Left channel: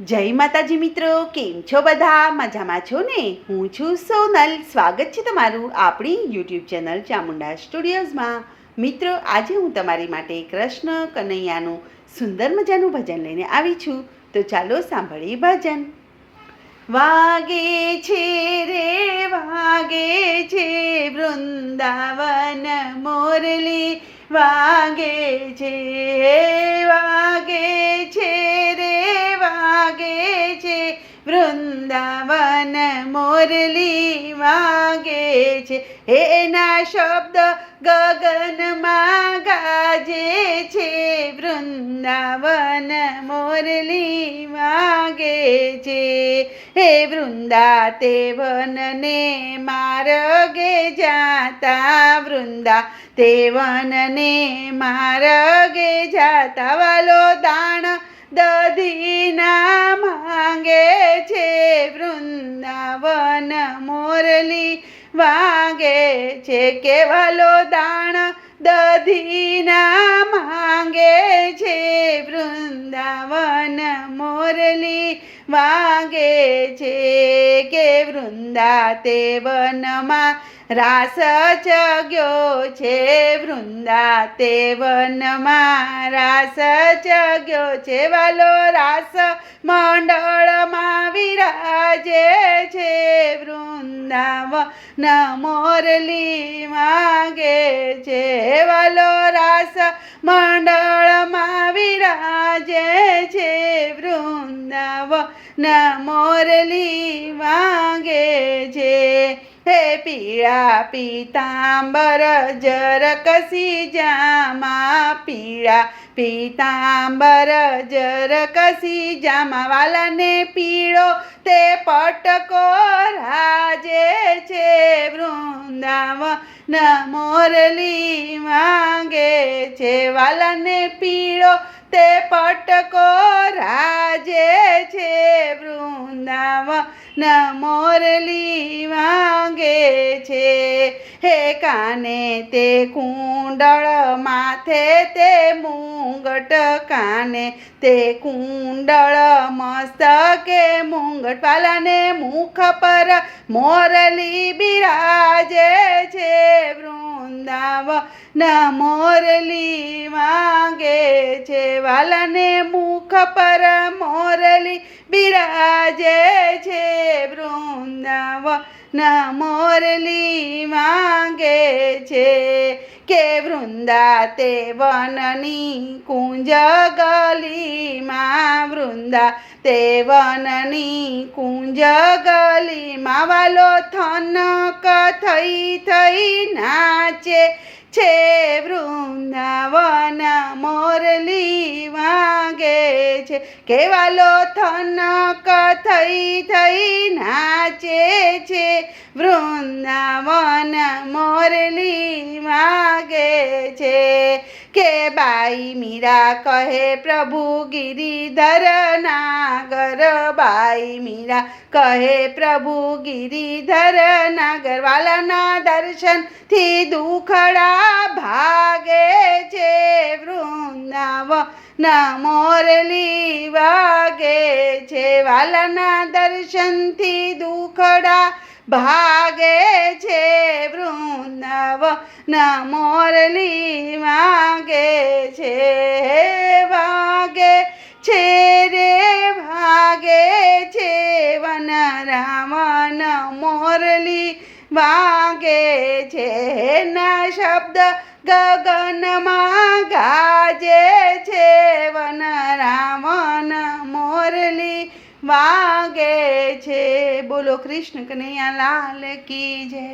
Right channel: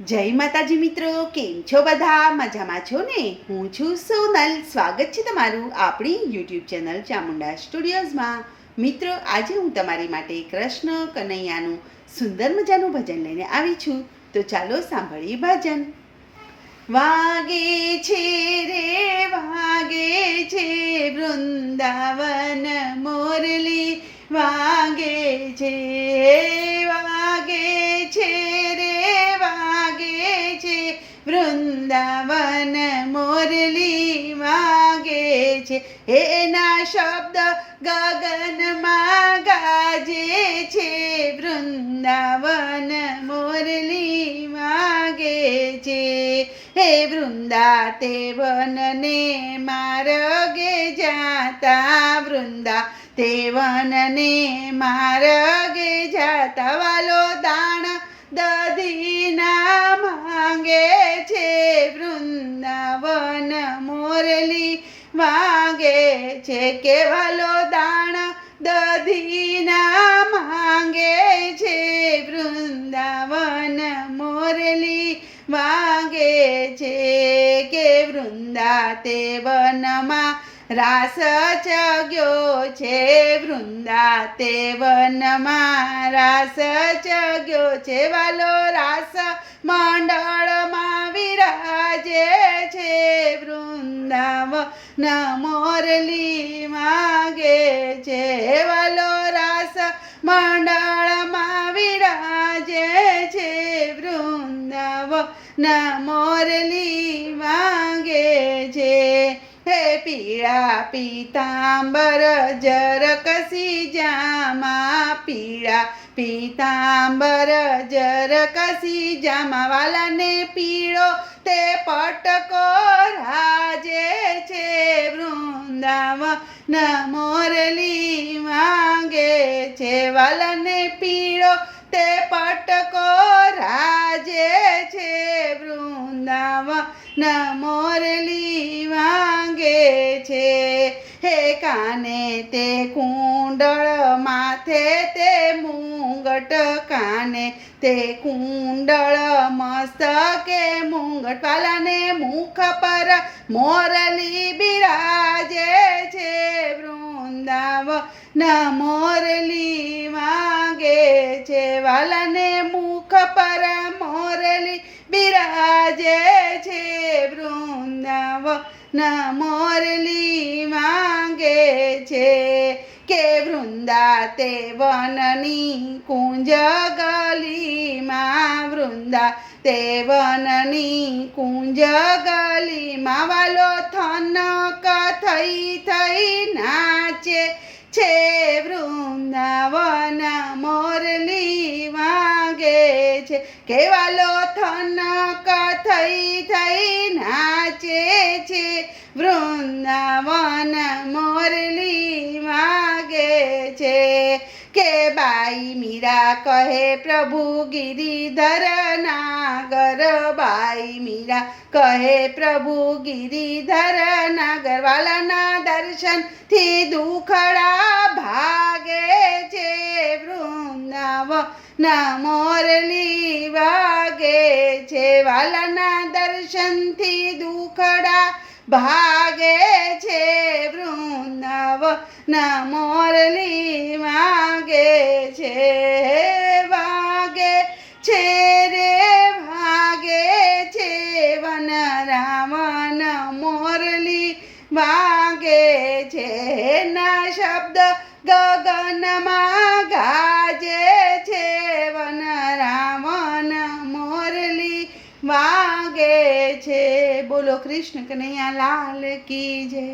જય માતાજી મિત્રો, કેમ છો બધા? મજામાં છો ને? હું છું સોનલ. સ્વાગત છે તમારું આપણી યુટ્યુબ ચેનલ ચામુંડા સ્ટુડિયોઝમાં. મિત્રો, આજે હું તમારી માટે કૃષ્ણ કનૈયાનું સુંદર મજાનું ભજન લઈને આવી છું. તો ચાલો સાંભળીએ ભજન. વાગે છે રે વાગે છે વૃંદાવન મોરલી, વાગે છે રે વાગે છે વૃંદાવન મોરલી, વાગે છે એના શબ્દ ગગનમાં ગાજે છે વૃંદાવન મોરલી, વાગે છે હે વૃંદા તે વનને માર્ગે જાતા, વૃંદા તે વનને માર્ગે જાતા વાલો દાણ દધીના માંગે છે વૃંદાવન મોરલી, વાગે છે કે વાલો દાણ દધીના માંગે છે વૃંદાવન મોરલી, વાગે છે કે વૃંદા તે વનમાં રાસ ચગ્યો છે, વૃંદા તે વનમાં રાસ ચગ્યો છે વાલો રાસ મંડળમાં વિરાજે છે વૃંદાવન મોરલી, વાગે છે વાલો રાસ મંડળમાં વિરાજે છે વૃંદાવન મોરલી, વાગે છે હે પીળા પીતાંબર જરકસી જામા, પીળા પીતાંબર જરકસી જામા વાલાને પીળો તે પટકો રાજે છે વૃંદાવન મોરલી, વાગે છે વાલાને પીળો તે પટકો રાજે છે વૃંદાવન મોરલી, વાગે છે હે કાને તે કુંડળ માથે તે મુંગટ, કાને તે કુંડળ મસ્તકે મુંગટ વાલાને મુખ પર મોરલી બિરાજે છે વૃંદાવન મોરલી, વાગે છે વાલાને મુખ પર મોરલી બિરાજે છે વૃંદાવન મોરલી, વાગે છે કે વૃંદા તે વનની કુંજ ગલીમાં, વૃંદા તે વનની કુંજ ગલીમાં વાલો થનક થઈ થઈ નાચે છે વૃંદાવન મોરલી, વાગે છે કે વાલો થનક થઈ થઈ નાચે છે વૃંદાવન મોરલી, વાગે છે કે બાઈ મીરા કહે પ્રભુ ગિરિધર નાગર, બાઈ મીરા કહે પ્રભુ ગિરિધર નાગર વાલાના દર્શનથી દુખડા ભાગે છે વૃંદાવન મોરલી, વાગે છે વાલાના દર્શનથી દુખડા ભાગે છે વૃંદાવન મોરલી, વાગે છે વાગે છે રે વાગે છે વન રાવણ મોરલી, વાગે છે ના શબ્દ ગગનમાં ગાજે છે વન રાવણ મોરલી, વાગે છે. બોલો કૃષ્ણ કનૈયા લાલ કી જય.